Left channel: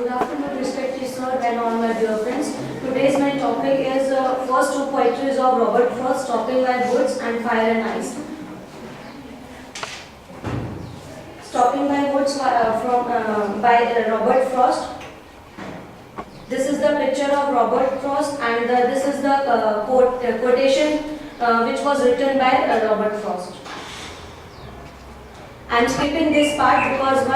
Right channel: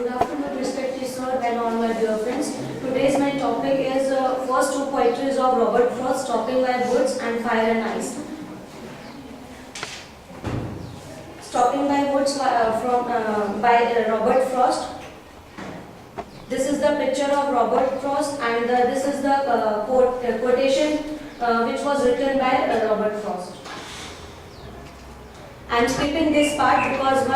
Good afternoon, respected sir and all my dear friends. Today's my topic is first two poetries of Robert Frost, Stopping by Woods and Fire and Ice. Stopping by Woods by Robert Frost. This is the picture of Robert Frost, and this is the quotation which was written by Robert Frost. I'm skipping this part because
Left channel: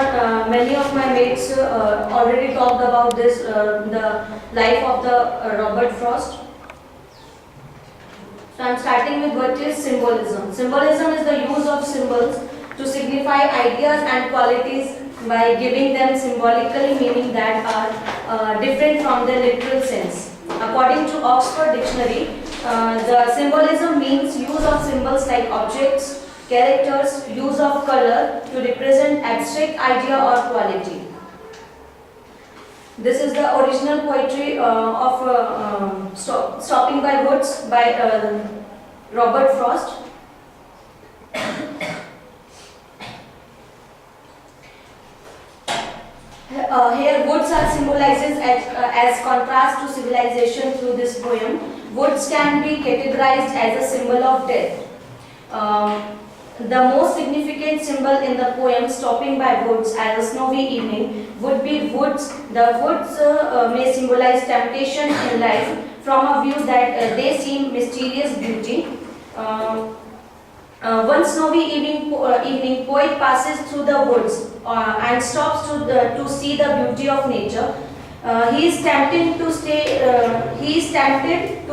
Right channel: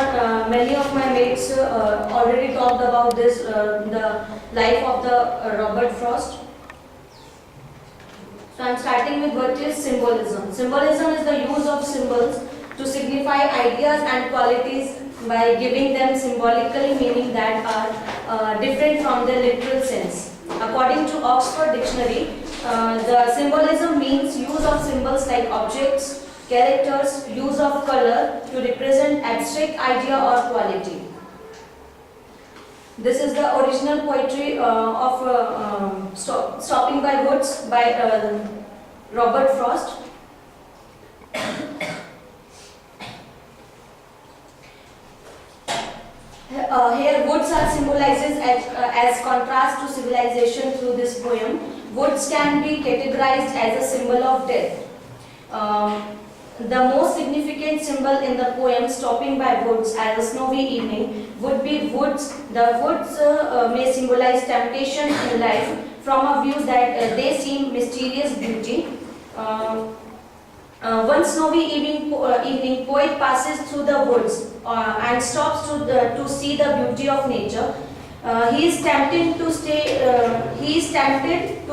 many of my mates already talked about this, the life of the Robert Frost. So I'm starting with what is symbolism. Symbolism is the use of symbols to signify ideas and qualities by giving them symbolically meaning that are different from their literal sense. According to Oxford Dictionary, the symbolism means use of symbols like objects, characters, use of color to represent abstract idea or quality. This is the original poetry of Stopping by Woods by Robert Frost. Here woods are symbolized as contrast to civilization through this poem. Woods can be categorized as a symbol of death. The most significant symbol in the poem Stopping by Woods as a snowy evening would be woods. The woods may symbolize temptation in life from a view that they seem mysterious beauty. One snowy evening, poet passes through the woods and stops to see the beauty of nature. He is tempted to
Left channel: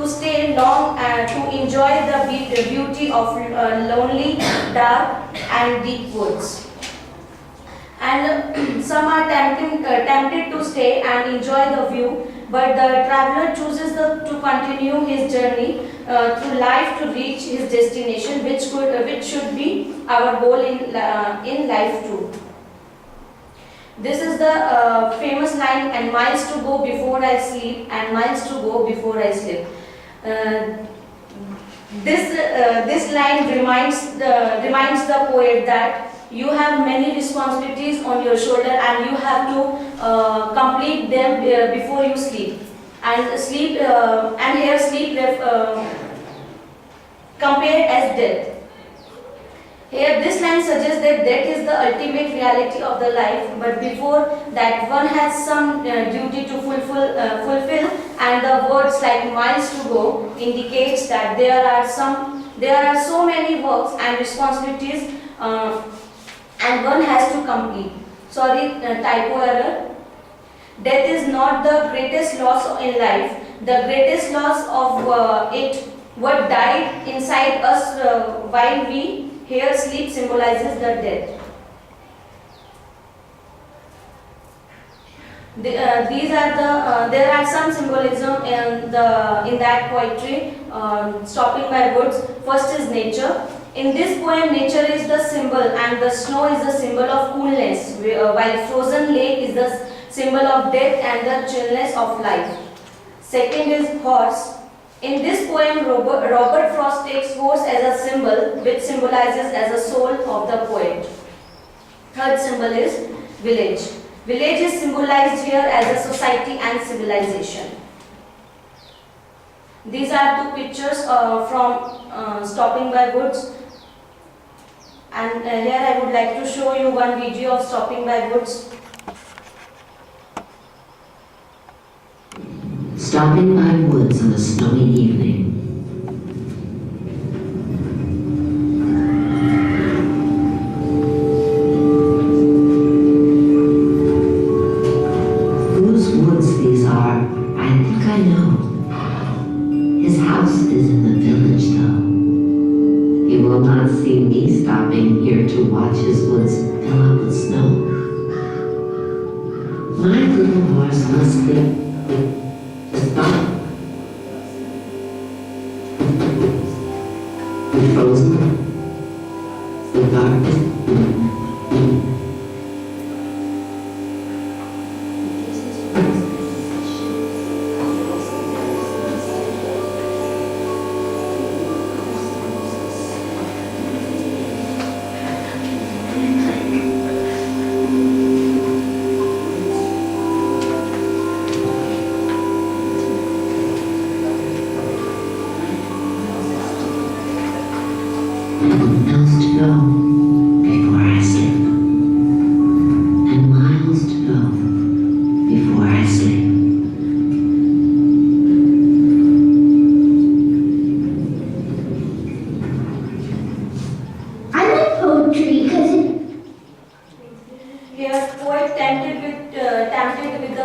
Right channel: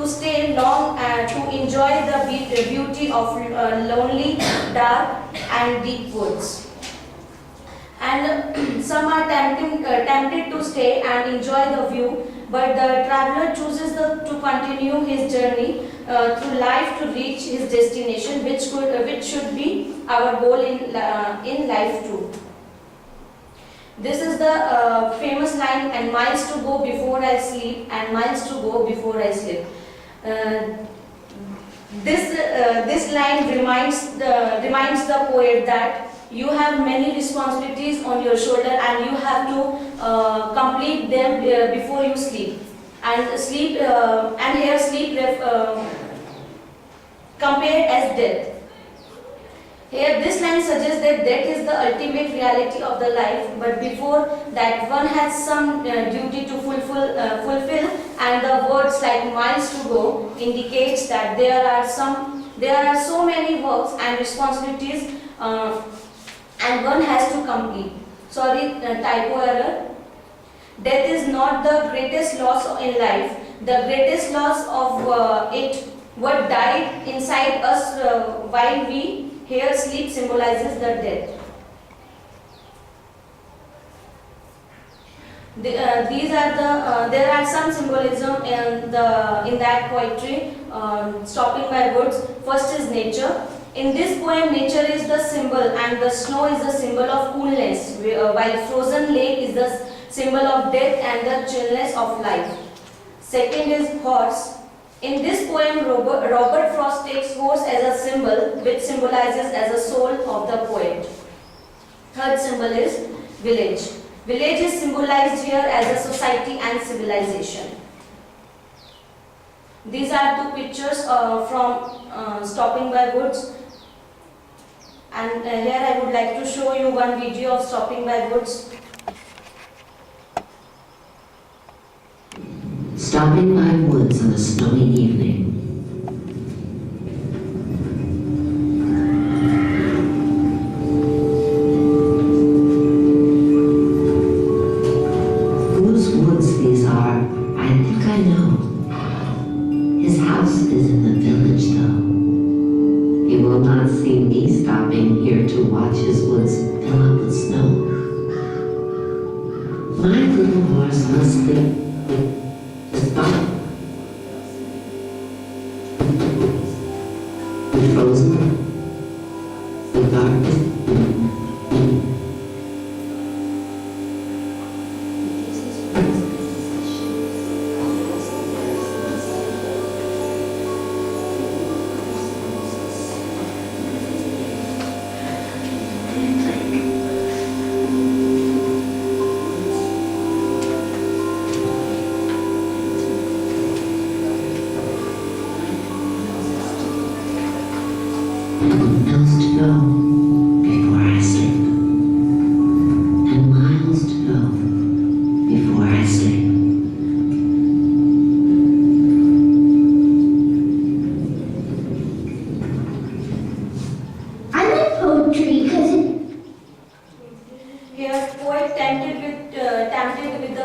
stay long to enjoy the beauty of lonely, dark, and deep woods. And some are tempted to stay and enjoy the view, but the traveler chooses to continue his journey through life to reach his destination, which should be our goal in life too. This is the famous line, and miles to go before I sleep, and miles to go before I sleep. This line reminds the poet that you have many responsibilities on your shoulder and you have to complete them before you sleep. And sleep, and here sleep compared as death. Here this line suggests that death is the ultimate reality of the life, but before that one has some duty to fulfill, and the words like miles to go indicates that there are so many works and responsibilities and one has to complete. Sorry, typo error. Death is not the greatest loss in life. The greatest loss of what died inside us while we here sleep symbolizes the death. There are some symbolism in that poetry, Stopping by Woods. First is nature. In this poem, nature is the symbol, and the snow is the symbol of coolness, while frozen lake is the symbol of death and the chillness of life. Second is horse. In this poem, Robert Frost takes horse as a symbol, which symbolizes as a soul of the poet. Third symbol is village. Village is symbolized here as a society and civilization. These are two pictures from Stopping by Woods. And here I would like to show you one video of Stopping by Woods. Stopping by woods on a snowy evening. Whose woods these are, I think I know. His house is in the village, though. He will not see me stopping here to watch his woods fill up with snow. My little horse must think frozen, the dark.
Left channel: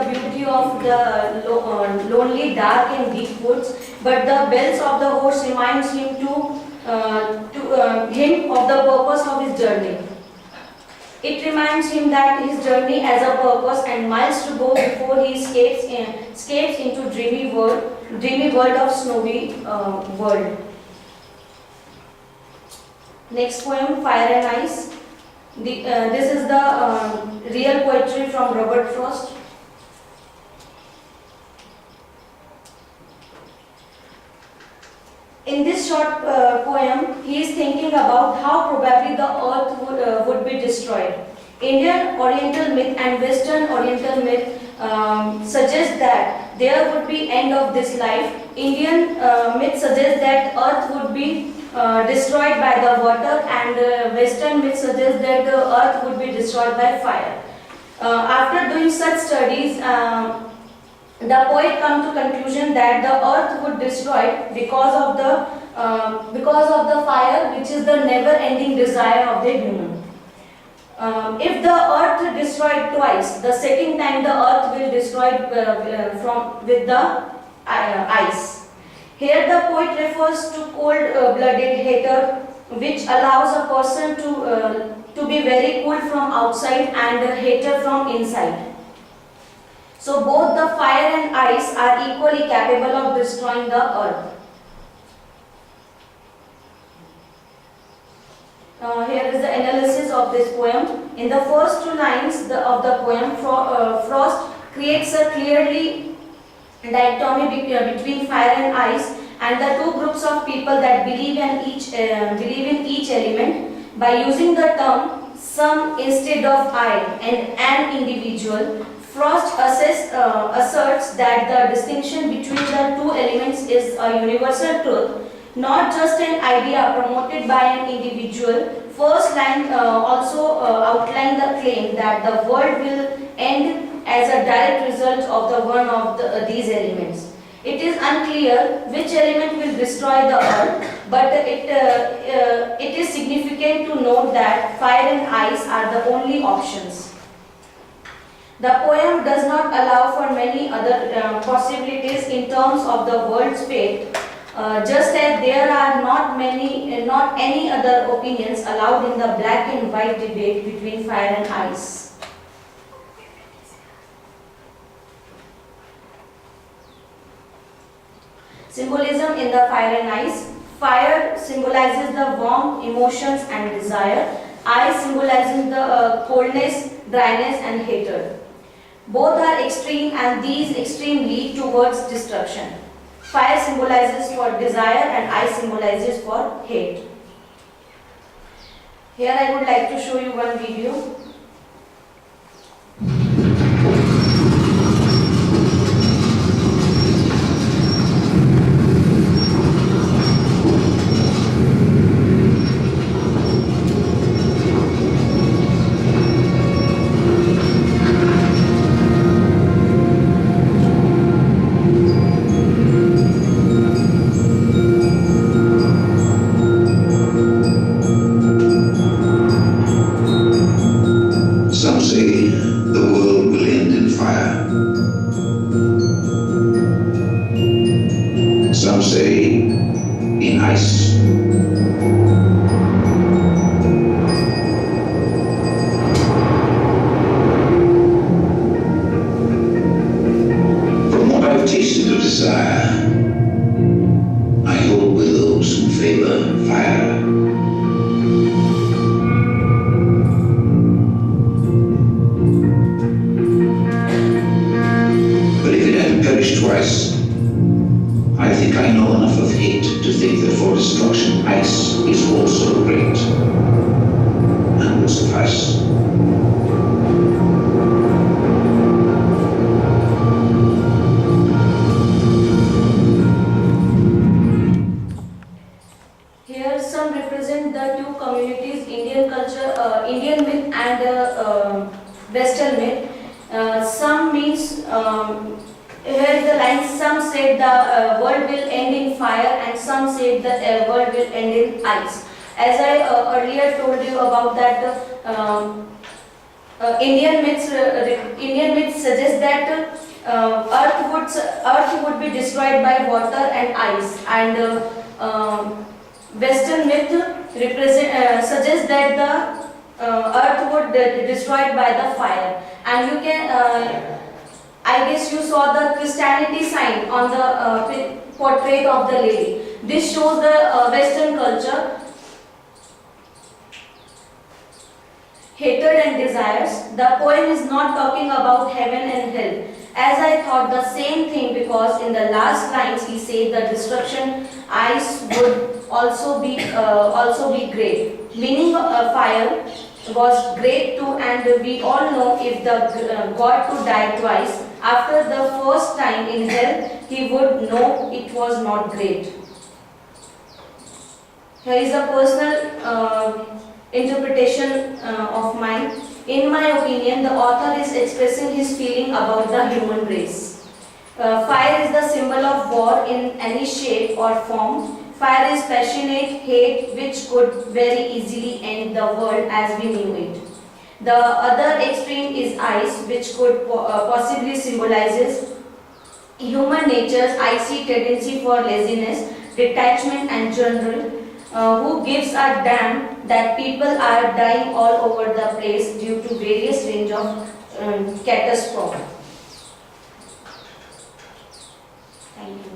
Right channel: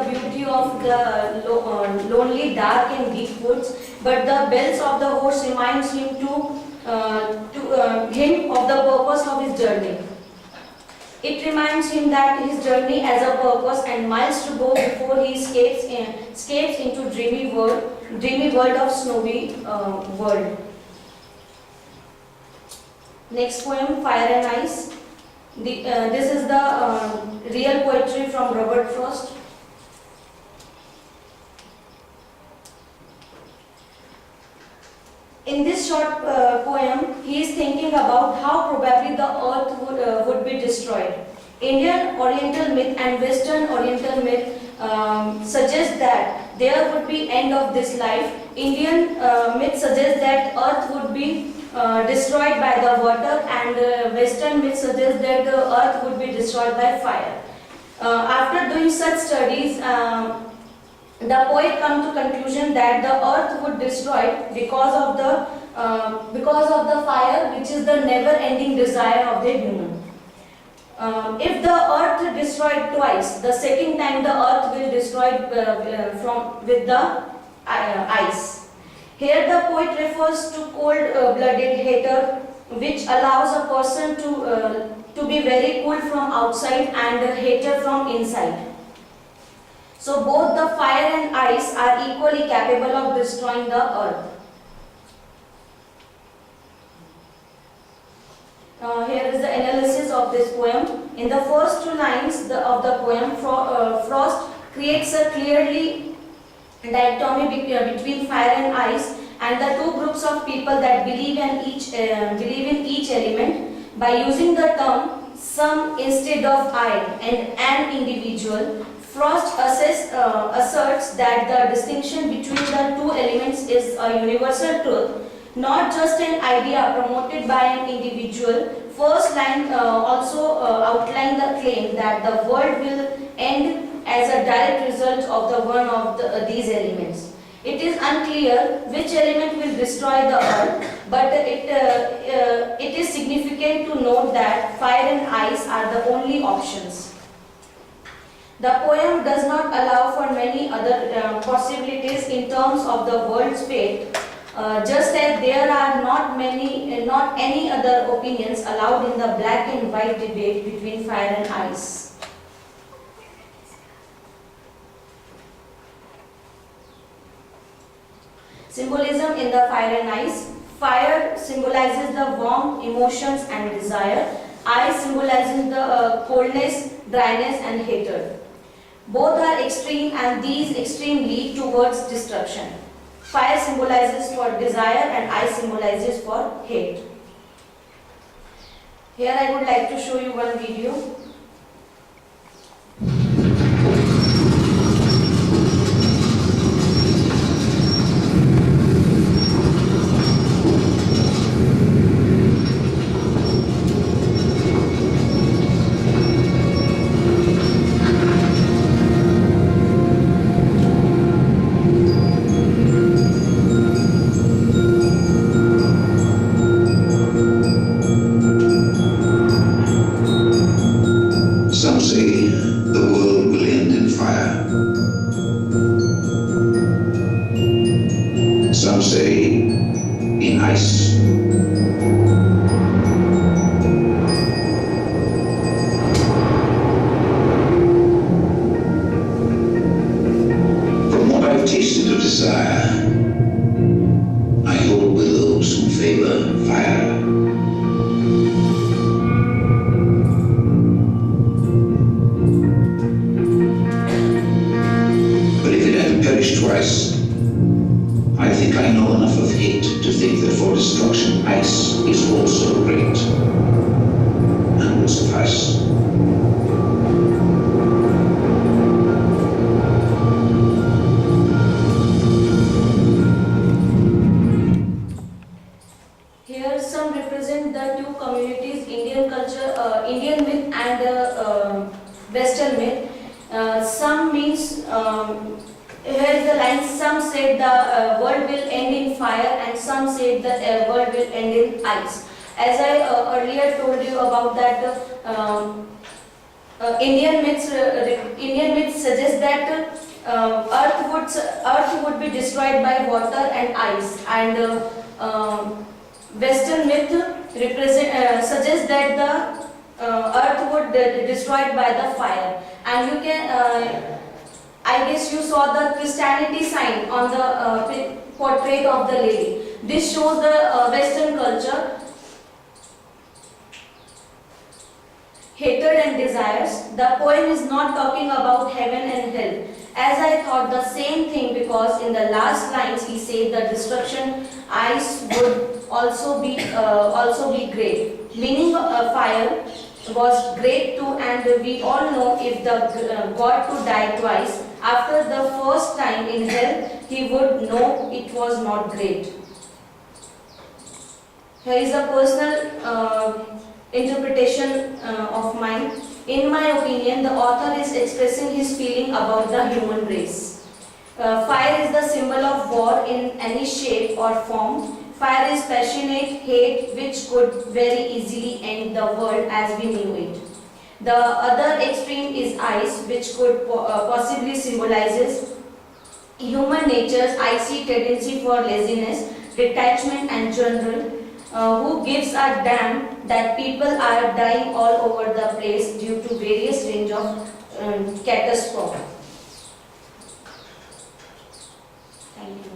beauty of the lonely, dark and deep woods, but the bells of the horse reminds him of the purpose of his journey. It reminds him that his journey has a purpose and miles to go before he escapes into dreamy world of snowy world. Next poem, Fire and Ice. This is the real poetry from Robert Frost. In this short poem, he is thinking about how probably the earth would be destroyed. Indian Oriental myth and Western Oriental myth suggest that there would be end of this life. Indian myth suggests that earth would be destroyed by the water, and Western myth suggests that the earth would be destroyed by fire. After doing such studies, the poet comes to conclusion that the earth would destroy because of the fire, which is the never-ending desire of the human. If the earth destroyed twice, the second time the earth will destroy with the ice. Here the poet refers to cold-blooded hater, which allows a person to be very cool from outside and a hater from inside. So both the fire and ice are equally capable of destroying the earth. Here is the analysis of this poem. In the first two lines of the poem, Frost creates a clearly dichotomy between fire and ice, and the two groups of people that believe in each element by using the term some instead of I and an individual. Frost asserts that the distinction between the two elements is a universal truth, not just an idea promoted by an individual. First line also outlines the claim that the world will end as a direct result of the one of these elements. It is unclear which element will destroy the earth, but it is significant to note that fire and ice are the only options. The poem does not allow for many other possibilities in terms of the world's fate, just as there are not any other opinions allowed in the black and white debate between fire and ice. Symbolism in the fire and ice. Fire symbolizes the warmth, emotions and desire. Ice symbolizes the coldness, dryness and hatred. Both are extreme, and these extremes lead towards destruction. Fire symbolizes for desire and ice symbolizes for hate. Here I would like to show you one video. Some say the world will end in fire. Some say in ice. From what I've tasted of desire, I hold with those who favor fire. Perished twice. I think I know enough of hate to think that for destruction ice is also great and will suffice. Here some represent the two communities, Indian culture, Indian myth and Western myth. Some means here is the line, some said the world will end in fire and some said the world will end in ice. As I earlier told you about that, Indian myths suggest that Earth would be destroyed by water and ice, and Western myth suggests that the Earth would be destroyed by the fire. And you can, I guess you saw the Christianity sign on the portrait of the lady. This shows the Western culture. Hatred and desires. The poem is not talking about heaven and hell. As I thought the same thing, because in the last lines he said the destruction ice would also be great. Meaning fire was great too, and we all know if the God to die twice, after the first time in hell, he would know it was not great. Here is a personal interpretation of mine. In my opinion, the author is expressing his feeling about the human race. Fire is the symbol of war in any shape or form. Fire is passionate hate which could very easily end the world as we knew it. The other extreme is ice, which could possibly symbolizes human nature's icy tendency for laziness, detachment and general, who gives a damn that people are dying all over the place due to various range of catastrophes. Thank you.